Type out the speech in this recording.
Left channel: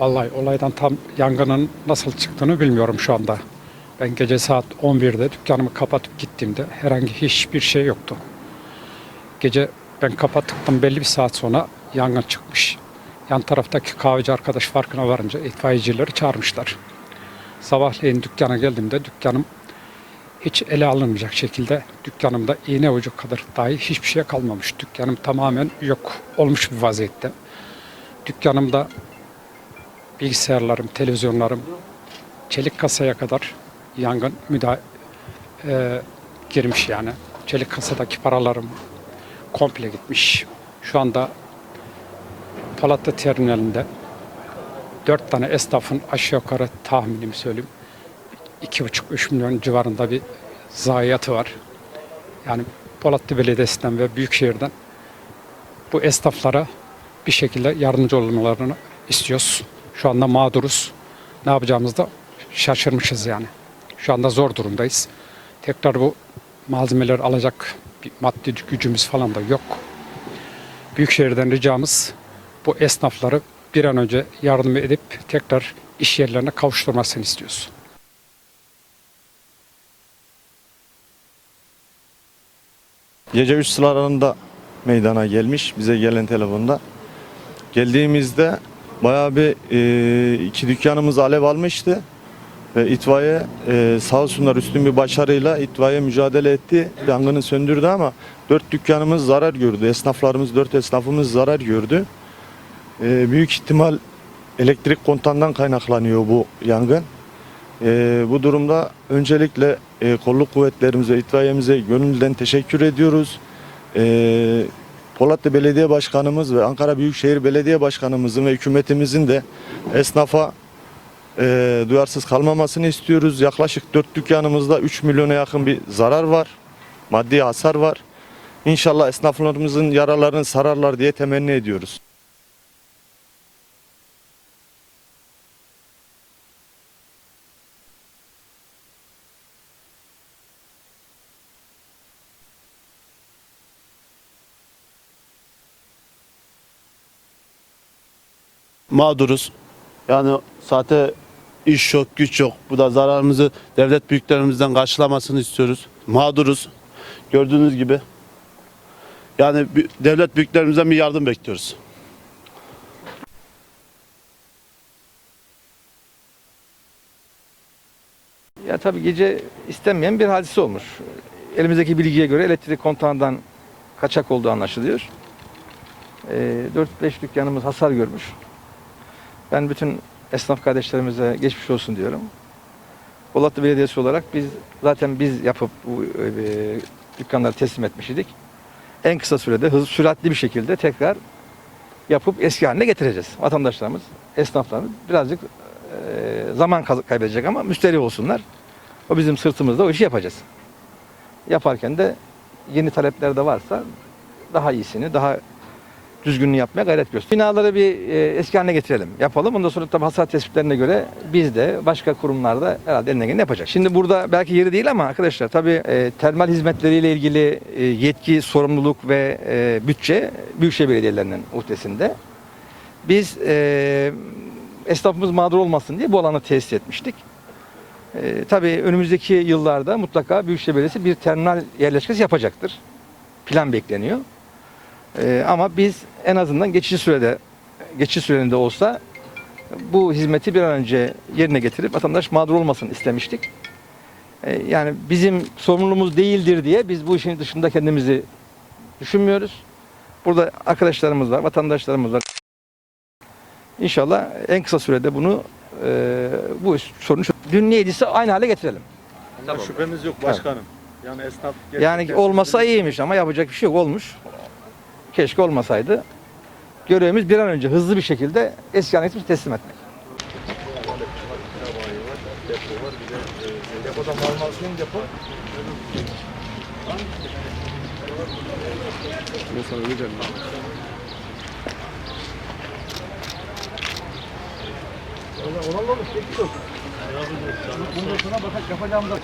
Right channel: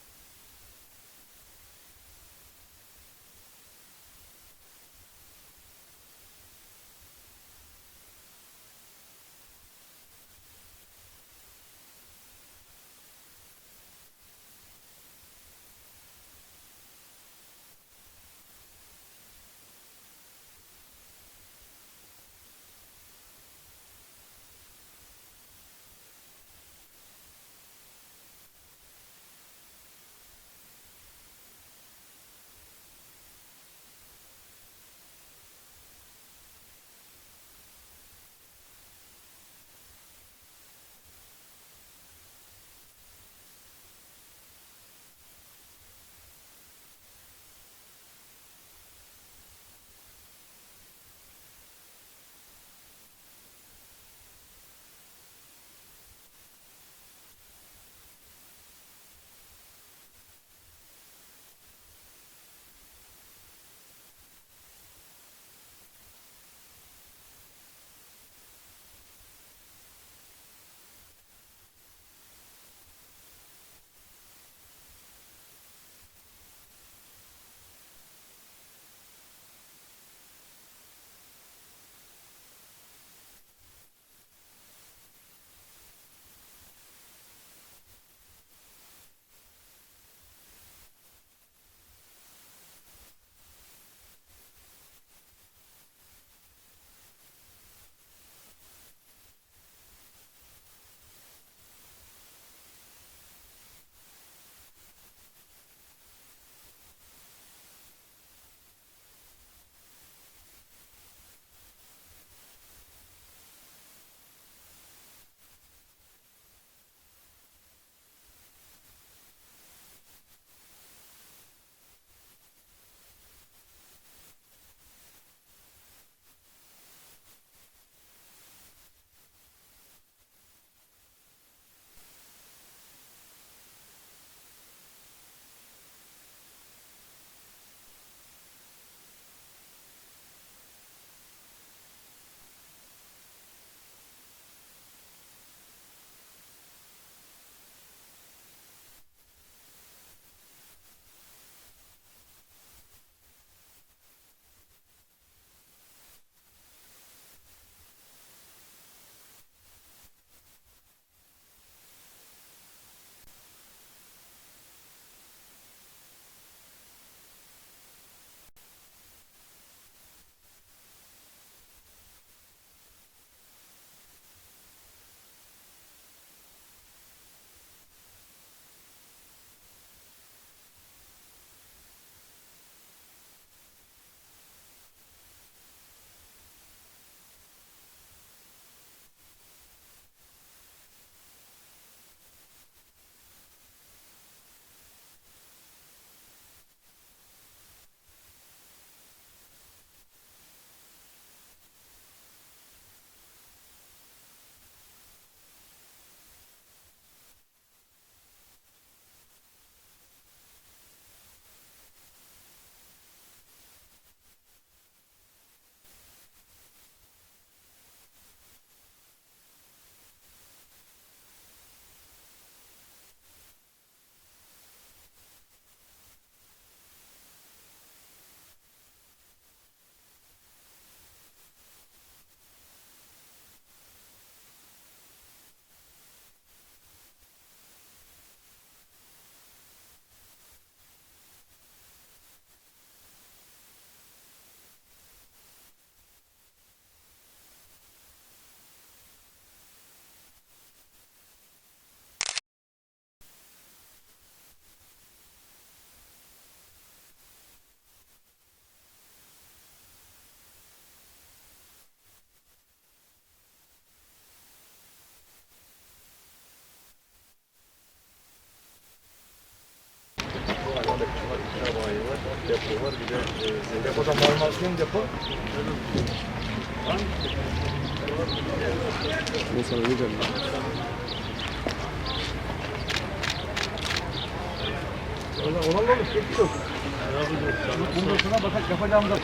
Vallahi olaydan tam yangının nasıl çıktığını bilmiyorum şu anda. Ben gece saat 11'de dükkanımı kapatıp gittiğimde herhangi hiçbir şey yoktu. Gece ben kapattıktan belli bir saat sonra yangın çıkmış. Yan taraftaki kahveci arkadaş farkına varınca itfaiyecileri çağırmışlar. Sabahleyin dükkana geldiğimde dükkanım hiç ele alınmayacak şekilde dükkanımda iğne ucu kadar dahi hiçbir şey kalmamış. Dükkanım tamamen yok olmuş bir vaziyette. Dükkanımda bilgisayarlarım, televizyonlarım, çelik kasaya kadar yangın müda e, girmiş yani. Çelik kasadaki paralarım komple gitmiş. Şu anda Polatlı terminalinde dört tane esnafın aşağı yukarı tahminimi söyleyeyim. 2,5-3 milyon civarında bir zayiatı var. Yani Polatlı Belediyesi'nden ve Büyükşehir'den bu esnaflara bir şekilde yardımcı olmalarını istiyoruz. Şu anda mağduruz. Ne yapacağımızı da şaşırmışız yani. Şu anda zor durumdayız. Tekrar bu malzemeleri alacak bir maddi gücümüz falan da yok. Büyükşehir'den ricamız bu esnafları bir an önce yardım edip tekrar iş yerlerine kavuşturmasını istiyoruz. Gece 3 sıralarında meydana gelmiş bize gelen telefonda. Geldiğimizde bayağı bir e, iki dükkanımız alev almıştı. Ve itfaiye e, sağ olsunlar üstün bir başarıyla itfaiye mücadele etti. Yangını söndürdü ama dört dükkanımız zarar gördü. Esnaflarımız, dört esnafımız zarar gördü. E, büyük ihtimal elektrik kontandan kaynaklanıyor bu yangın. E, bu durumda öncelikle e, kolluk kuvvetlerimize, itfaiyemize gönülden teşekkür ediyoruz. E, Polatlı Belediye Başkanımız ve Ankara Büyükşehir Belediye Başkanımızın ve hükümetimizin de esnafa e, duyarsız kalmamasını istiyoruz. Yaklaşık 4 dükkanımızda 3 milyona yakın bir zarar var. Maddi hasar var. İnşallah esnaflarımızın yaralarını sararlar diye temenni ediyoruz. Mağduruz. Yani saate iş yok, güç yok. Bu da zararımızı devlet büyüklerimizden karşılamasını istiyoruz. Mağduruz. Gördüğünüz gibi. Yani devlet büyüklerimizden bir yardım bekliyoruz. Ya tabii gece istenmeyen bir hadise olmuş. Elimizdeki bilgiye göre elektrik kontağından kaçak olduğu anlaşılıyor. Ee, 4-5 dükkanımız hasar görmüş. Ben bütün esnaf kardeşlerimize geçmiş olsun diyorum. Polatlı Belediyesi olarak biz zaten biz yapıp bu e, dükkanları teslim etmiş idik. En kısa sürede hız, süratli bir şekilde tekrar yapıp eski haline getireceğiz. Vatandaşlarımız, esnaflarımız birazcık e, zaman kaybedecek ama müşteri olsunlar. O bizim sırtımızda o işi yapacağız. Yaparken de yeni talepler de varsa daha iyisini, daha düzgününü yapmaya gayret göster. Binaları bir e, eski haline getirelim, yapalım. Ondan sonra tabii hasar tespitlerine göre biz de başka kurumlarda herhalde elinden geleni yapacak. Şimdi burada belki yeri değil ama arkadaşlar tabii e, termal hizmetleriyle ilgili e, yetki, sorumluluk ve e, bütçe Büyükşehir Belediyelerinin uhdesinde. Biz e, esnafımız mağdur olmasın diye bu alanı tesis etmiştik. E, tabii önümüzdeki yıllarda mutlaka Büyükşehir Belediyesi bir terminal yerleşkesi yapacaktır. Plan bekleniyor. E, ama biz en azından geçici sürede, geçici süreinde olsa bu hizmeti bir an önce yerine getirip vatandaş mağdur olmasın istemiştik. E, yani bizim sorumluluğumuz değildir diye biz bu işin dışında kendimizi düşünmüyoruz. Burada arkadaşlarımız var, vatandaşlarımız var. İnşallah en kısa sürede bunu e, bu sorunu Dün neydiyse aynı hale getirelim. Şüphemiz yok başkanım. Yani esnaf Yani olmasa iyiymiş ama yapacak bir şey yok olmuş. Keşke olmasaydı. Görevimiz bir an önce hızlı bir şekilde eski getirip teslim etmek. Depoda malmasyon depo. Olan olur, geçmiş olsun. Bundan sonra bakak yapacağımız da.